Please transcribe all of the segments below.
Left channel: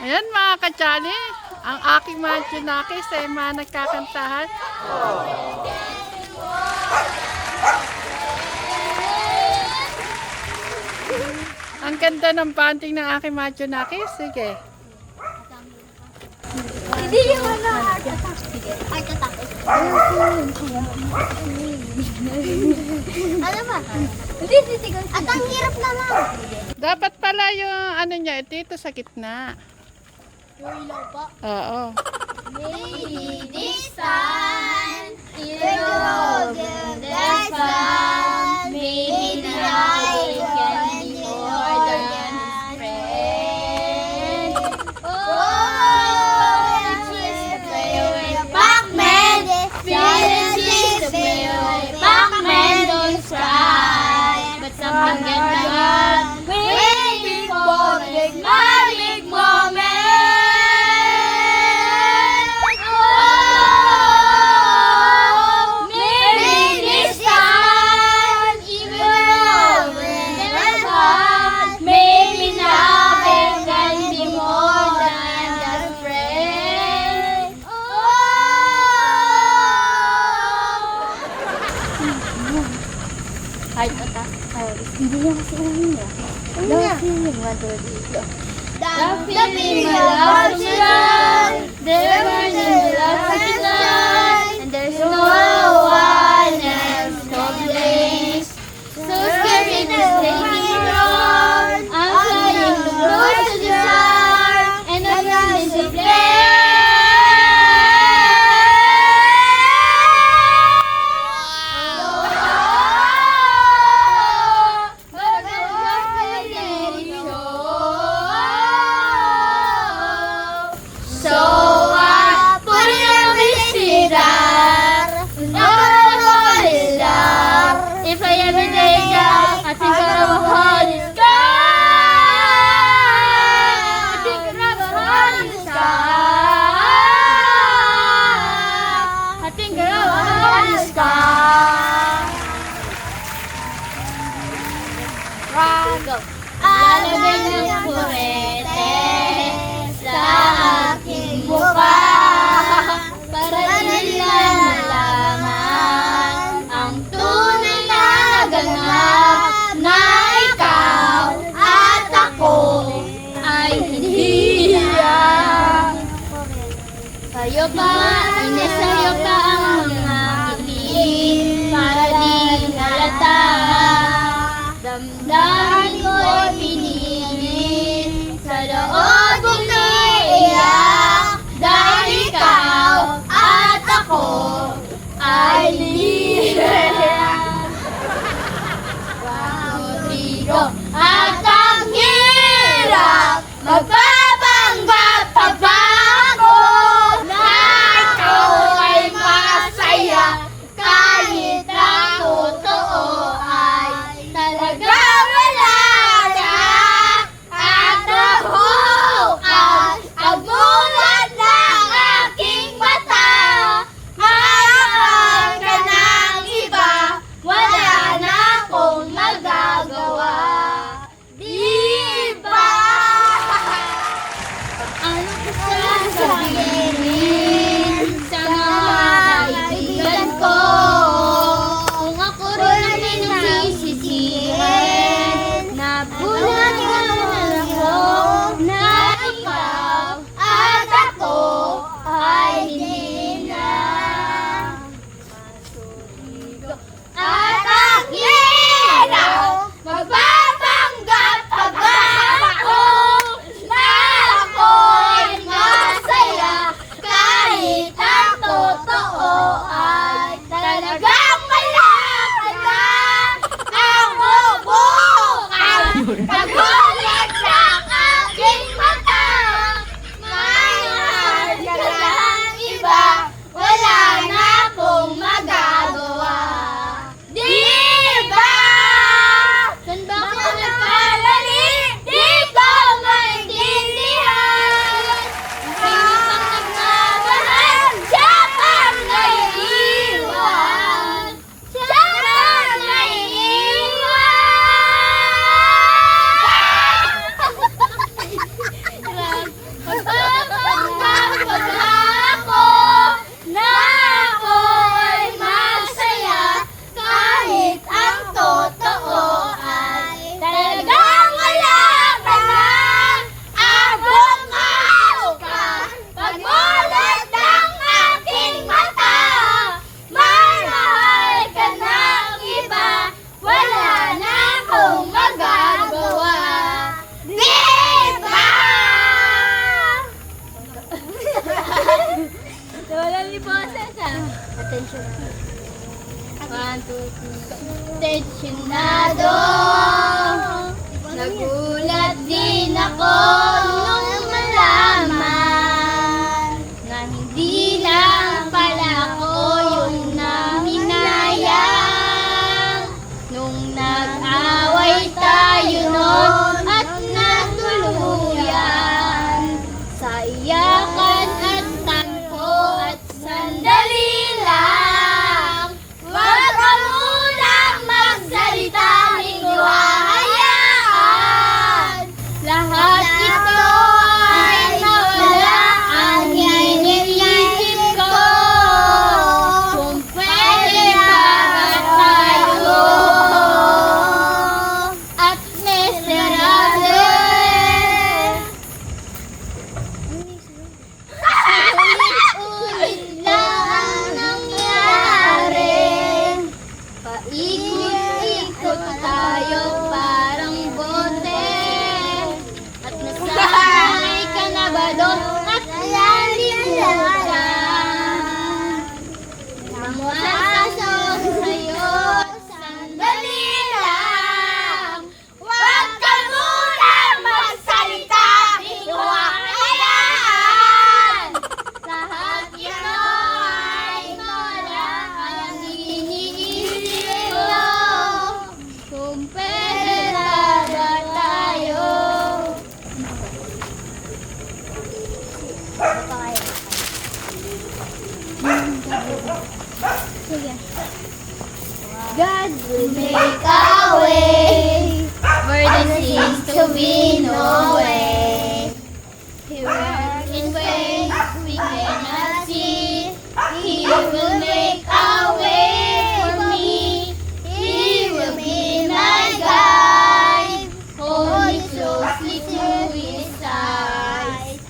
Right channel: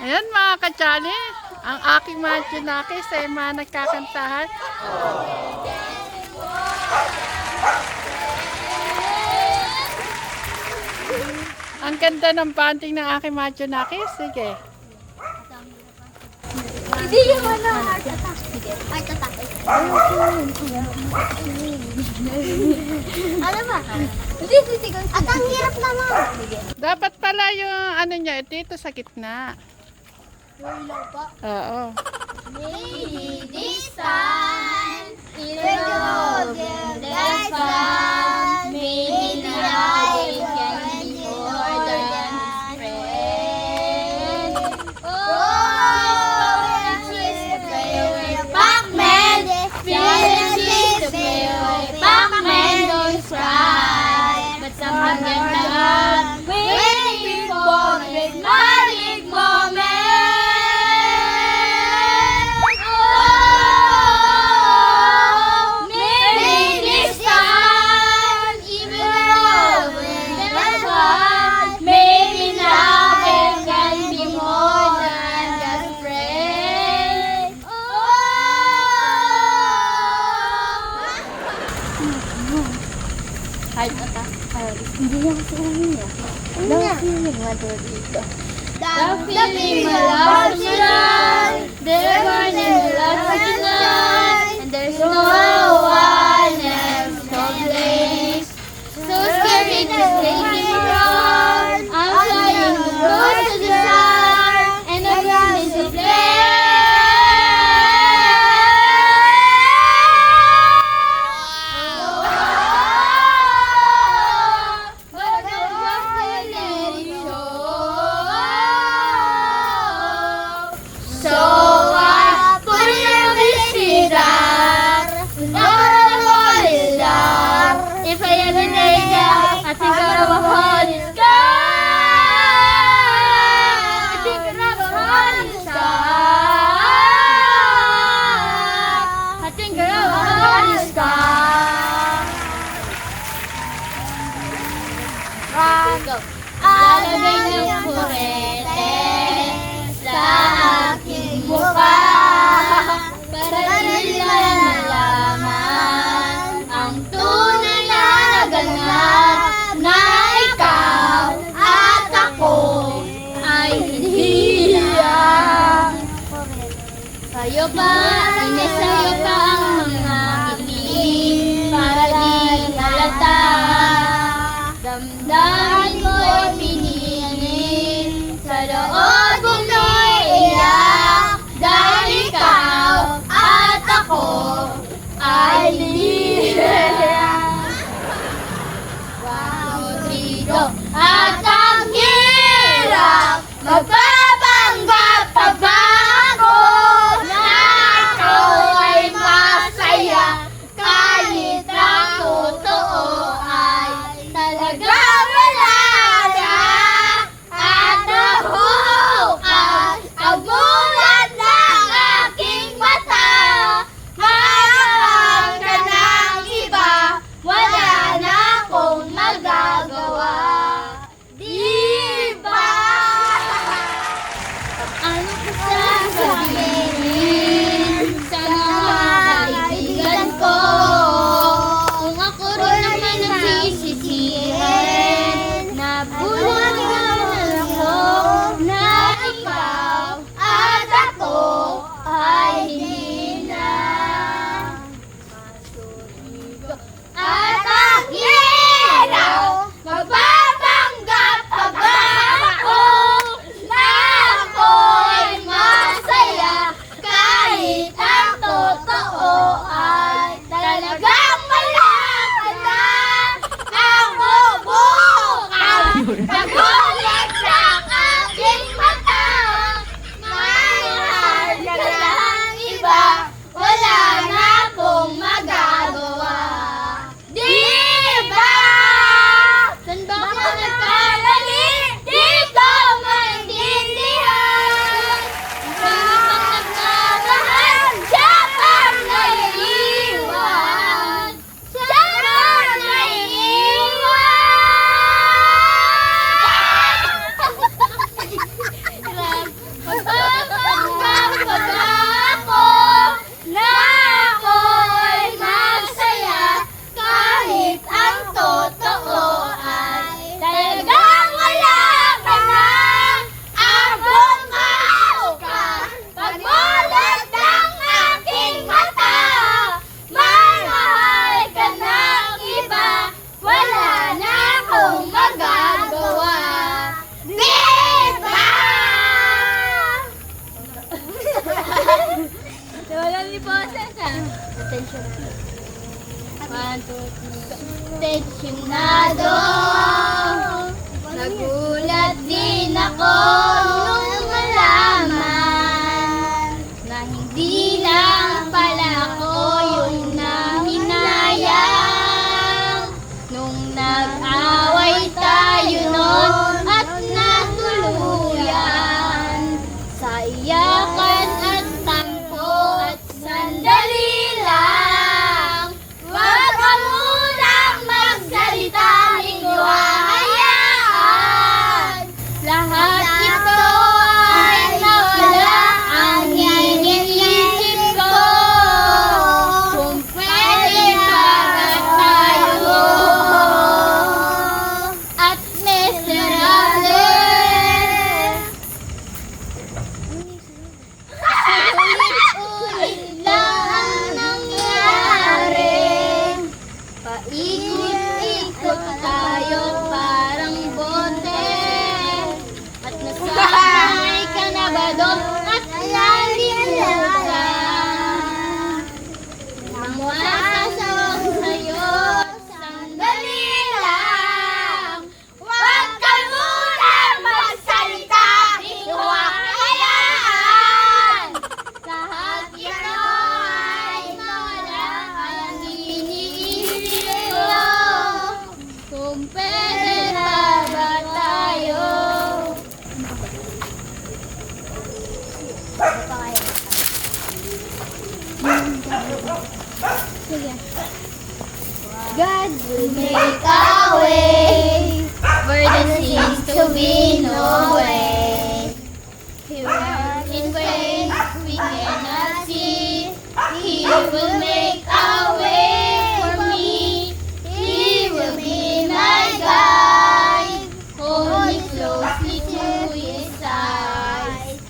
Ayan mga katsali, ang aking mga tsunakis ay mga nagkakantahan. Ang ganda ng banting ng aking mga tsunakis. Sige. Hindi yung heart attack. Heart attack. Ano ba? Hindi sisigaw. At ang hirap naman. Dapat pala yung ano niya, dito sa gitna. Yung ilaw po. Oo. Maybe this time, even though there's fun, maybe now we can be more than friends. Oh, it's the play away Pac-Man. It's the play away Pac-Man. Don't cry, but something can happen. Waiting for the big magic moment. Hindi niya kasi ulit niya. The feeling dito. The feeling loves you love. There one in the love of the night. And there's no one else to place. So scary to take me wrong. I'm flying close to the sun. And I'm running to play. If I ever take that, I think I'll have a heart in the sky. I think I'll have a heart in the sky. I think I'll have a heart in the sky. Go. Lalagay ng kurete sa aking mukha para nila malaman ang tunay na ganap na ikaw at ako ay hindi lang. Sa'yo pa, sa'yo pa ang mga kilig para di halata. Damdamin ko'y pinilin sa loob kong naiiyak dahil ikaw at ako ay hindi lang. Rodrigo, at ang hirap magpapanggap pa ba ako na ikaw ay masaya kahit ang totoo ay talaga wala na. At nabukas ang bulat ng aking mata. Mahal ka ng iba, wala na akong magagawa. Di ba? One, two, three. Tensyonado. Nagulat din ako nung malaman na hindi lang pala ako yung naminayang nung nag-away tayo noon at natuluyan sa iyakan at tampo at sandali lang. Huwag ka munang magsalita, di ko hahayaan. Lahat ito ay mawala ang iniisip ko. Kung pwede para tayo at miserable. Ulit-ulit lang ang nangyari. Paikot-ikot tayo parang bote. At nasanay ka na ba doon? At nalilimutan. Mamuasong sa'yo, sandali lang. Huwag ka muna magsalita, di ko hahayaan. Lahat ito ay mawala ang iniisip ko. Kung pwede ba tayo? God will make a way where there seems to be no way. He will in ways we cannot see. He will make a way for me. He will be my guide. Hold me closely to his side.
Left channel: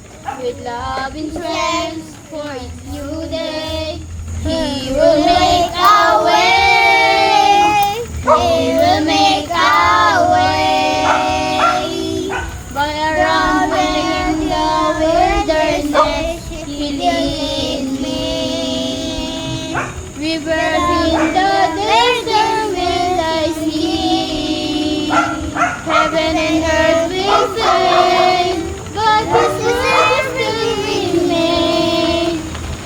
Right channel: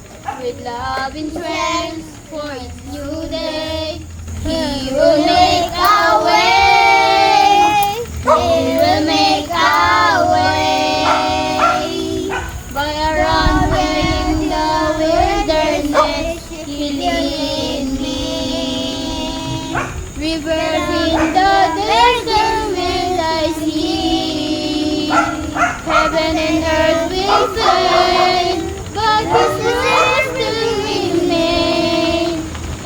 With love and strength for each new day. He will make a way. He will make a way. But around in the wilderness, He lead me. Rivers in the desert will I see. Heaven and earth will fade, but His word will remain.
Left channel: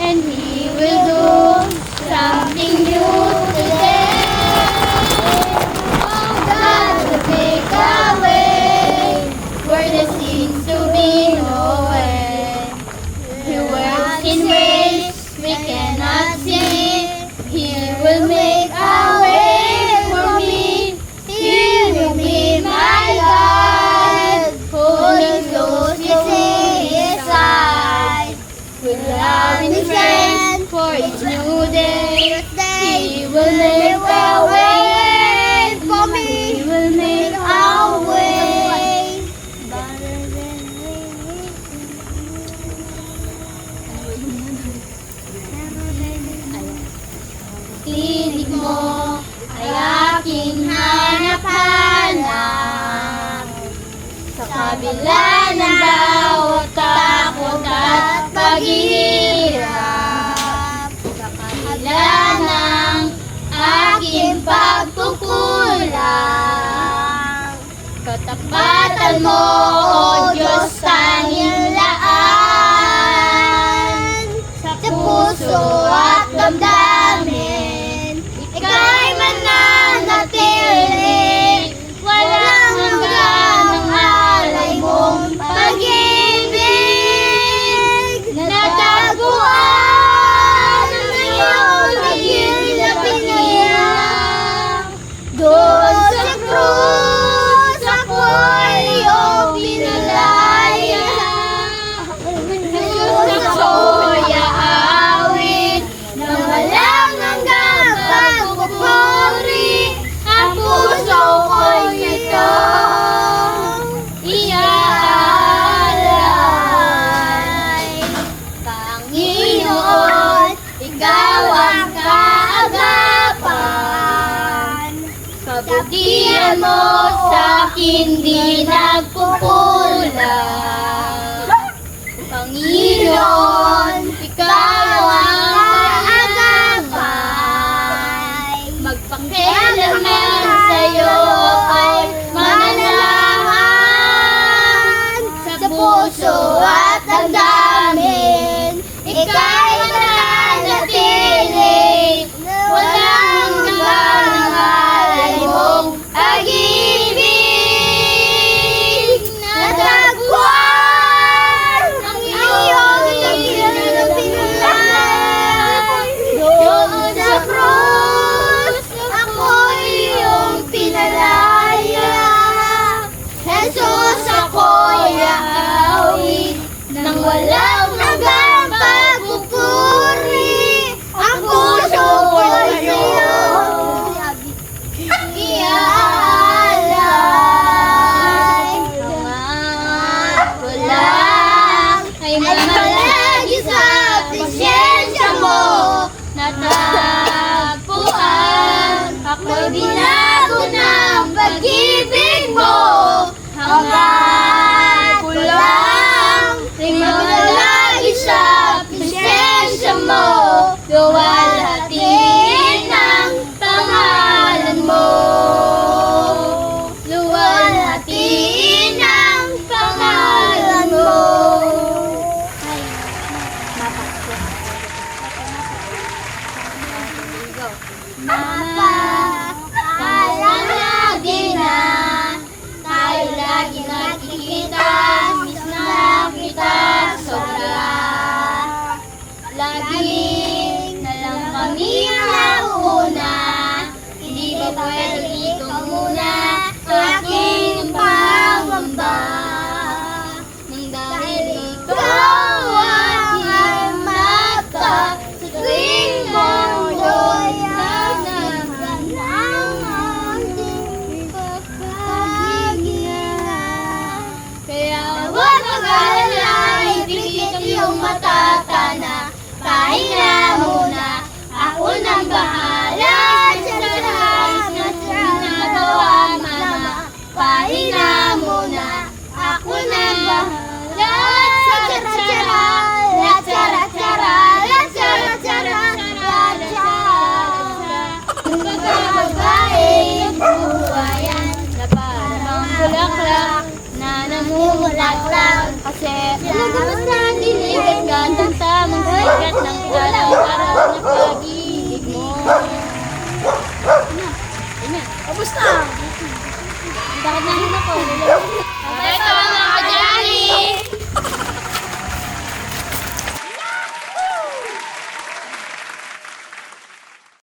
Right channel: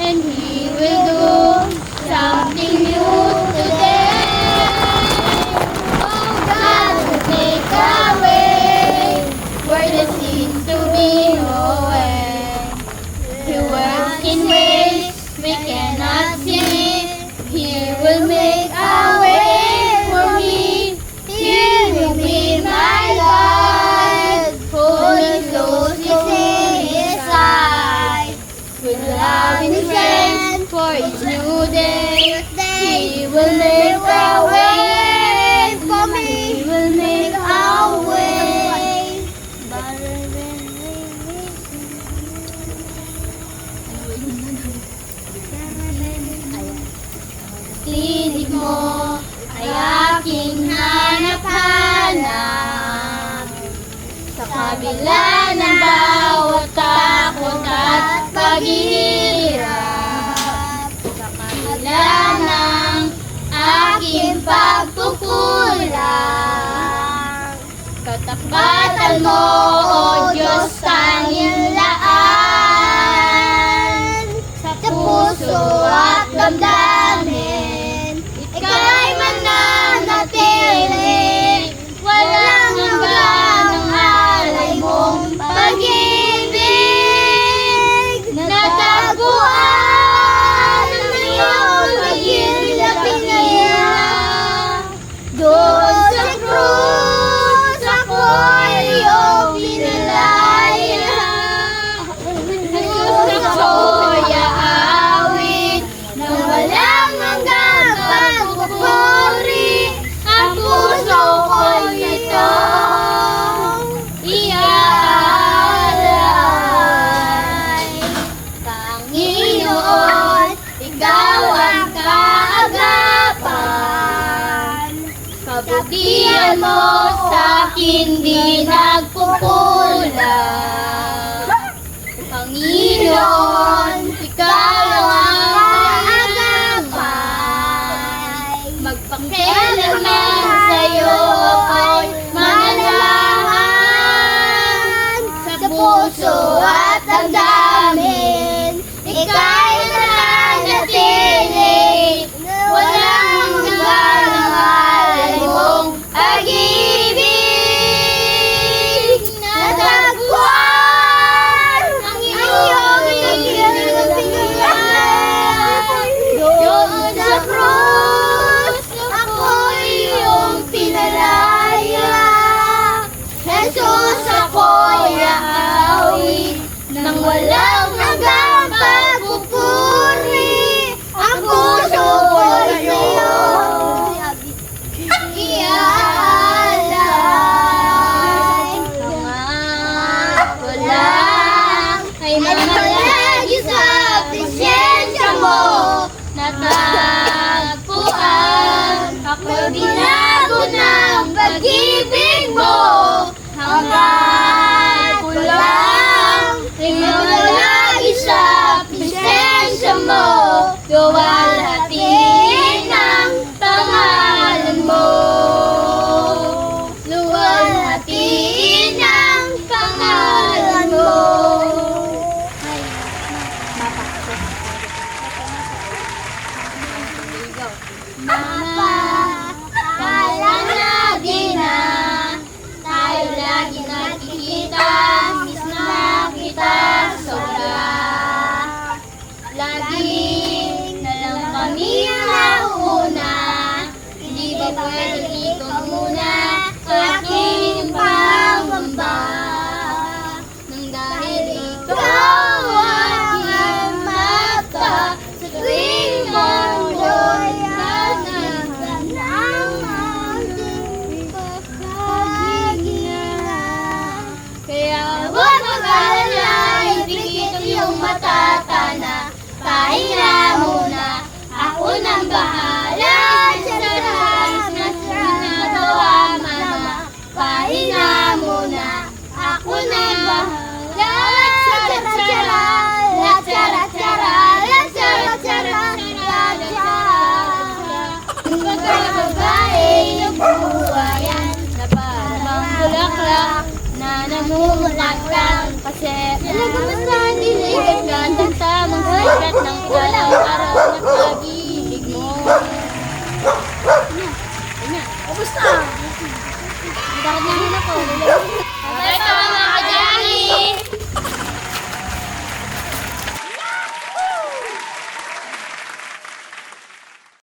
And He will do something new today. Oh, God will make a way where there seems to be no way. He works in ways we cannot see. He will make a way for me. He will be my guide. Hold me closely to His side. With love and strength for each new day. He will make a way for me. He will make a way. Tinig mo ay aking hanap-hanap. Sa kabila ng bawat takot at paghihirap, sa kabila ng aking pagkukulang, katapatan mo, O Diyos, tanging laan. Sa puso at damdamin, ika'y mananatili. Walang hanggan ang alay mong pag-ibig. Natagpuan ang iyong naging niya. Doon sa krus, ako'y iyong pinalaya. Doon ako'y aawit nang walang hanggang pagpupuri. Ang puso ko'y itong iaalay. Panginoon, Ikaw ang kaagapan. Kabutihan mo sa akin di nagkukulang. Panginoon, Ikaw ang kaagapan. bawat damdamin, ika'y mananatili. Walang hanggang ang alay mong pag-ibig. Natagpuan ang iyong pinagpinay. Doon sa krus, ako'y iyong pinalaya. Jesus, ako'y aawit nang walang hanggang pagpupuri. Ang puso ko'y sa'yo iaalay. Ang ko lang ay mamalagi sa presensya mo. Natagpuan, ako'y binago ng pag-ibig mo. Hanggang ko lang ay mamalagi sa presensya mo. Luwalhatiin ang pangalan mo. Luwalhatiin ang pangalan mo. Lagi na tayo lagi nakikita, miss na kita sobra. Lagi na lang kami ang nauna, hindi ba pwede ikaw muna, aking pangamba. Nang dahil ikaw ang aking mata, sa tuwing mundo'y nanahan ang aking pagkaginlan. Kaya huwag mag-alala, ipikit iyong matatana. Pahinga muna, ako nang bahala sa lahat na ginagawa, mama. Pahinga muna, ako nang bahala sa tara-tara, la tara-tara, la tara-tara, la tara-tara. Pagkakababae ng buhayan, na parang bulaklak na namumukat lang. Kasi nalagamas na ang dilig at gandang tamang sikat ng galang araw na pag-ibig mo. Ubus na. Bakit nahin ako?